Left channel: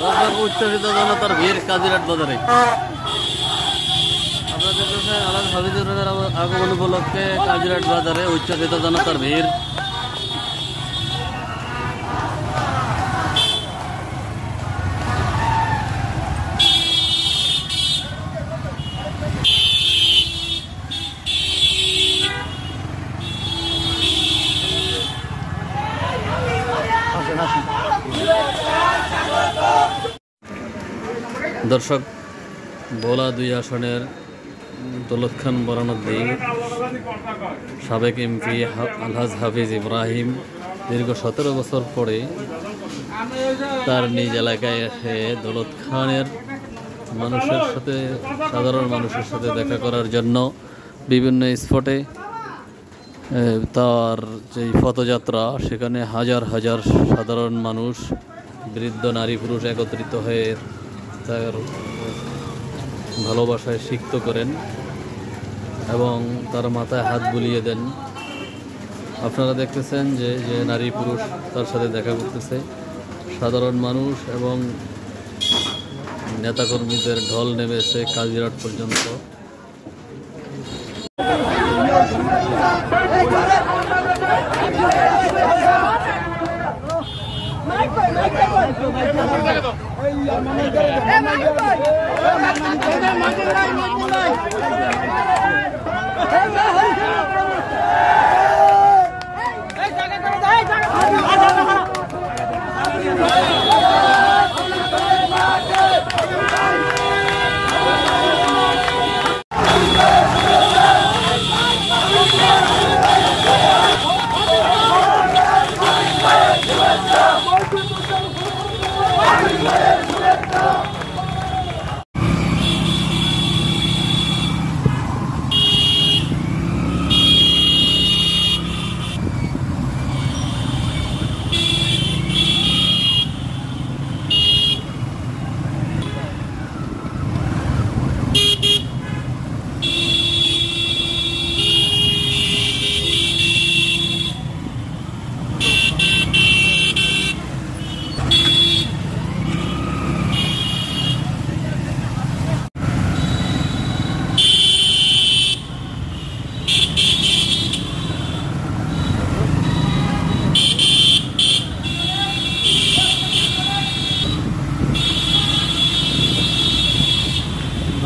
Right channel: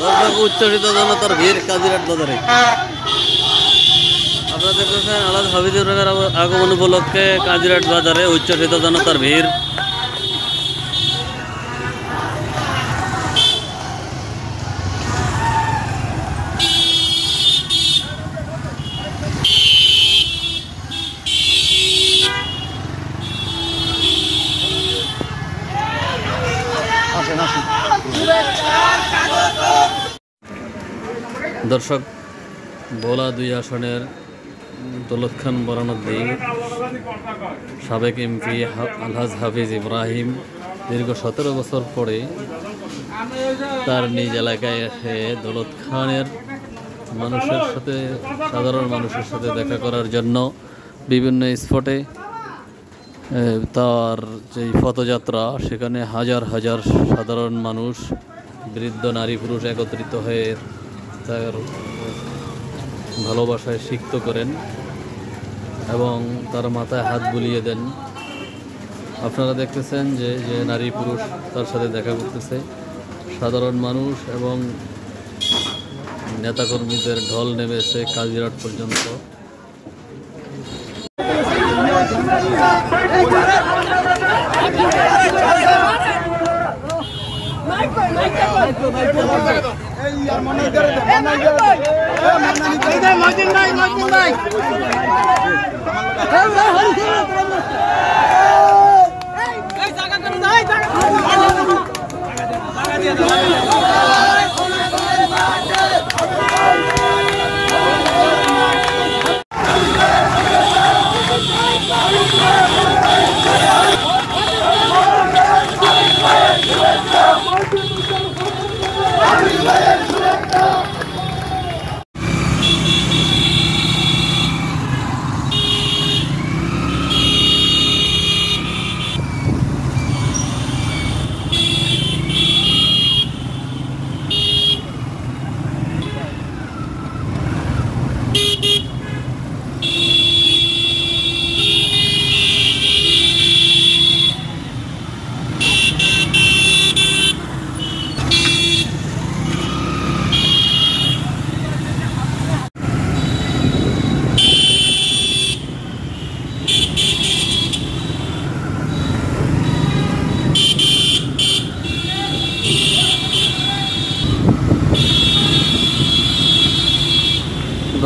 দর্শক উচ্ছ্বসিত জনতার ভিড় কাজিরাট বাজারে। আপনারা দেখতেছেন আলহাজ হাফিজুর রহমানের আগমন উপলক্ষে কাজিরাট বাজারে উচ্ছ্বসিত জনতার ভিড়। দর্শক ভোলা ২ আসনের দৌলত খান বরানদ্দি সাবেক এমপি আলহাজ হাফিজ ইব্রাহিম দীর্ঘ ১৭ বছর পরে তার নিজ এলাকায় এসে দৌলত খানের মানুষের সাথে, সাধারণ মানুষের সাথে দেখা করার জন্য বিভিন্ন স্পটে তার যে পথযাত্রা, সেখানে হাজার হাজার সাধারণ মানুষ, বৃদ্ধ নারী পুরুষ একত্রিত হয়ে তার ভালোবাসায় সিক্ত করেন এবং তার মাথায় হাত বুলিয়ে দেন। আপনারা দেখতেছেন যে যে নারী পুরুষ তার সাথে দেখা করতেছে, সাধারণ মানুষ এবং নেতাকর্মীদের ঢল নেমেছে কাজিরাট পর্যন্ত।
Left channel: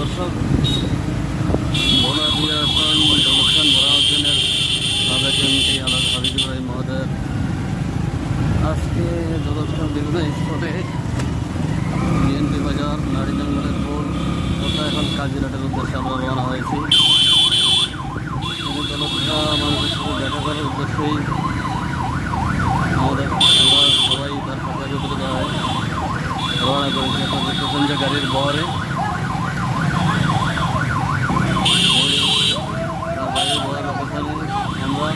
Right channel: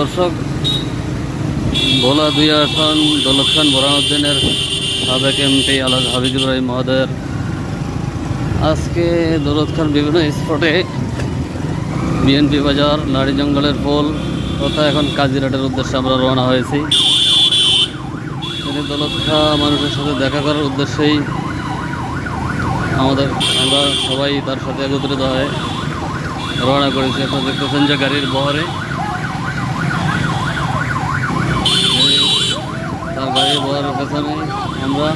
দর্শক ভোলা ২ আসন দৌলত খান বরানউদ্দিনের সাবেক এমপি আলহাজ হাফিজুর রহিম মহোদয়ের আজকে দৌলত খান বিভিন্ন স্পটে বিএনপি বাজার, নারী জঙ্গলের পোল তথা এখন কাজিরাটের উদ্দেশ্যে আমরা রওনা হয়েছি। দৌলত খান মানুষের সাথে দেখা করার উদ্দেশ্যেই আমরা সবাই তার সাথে একত্রিত হয়ে রওনা করেছি। এখন দেখতেছেন যে গাড়ির বহরে তার গাড়ির বহরের পেছনে আমরা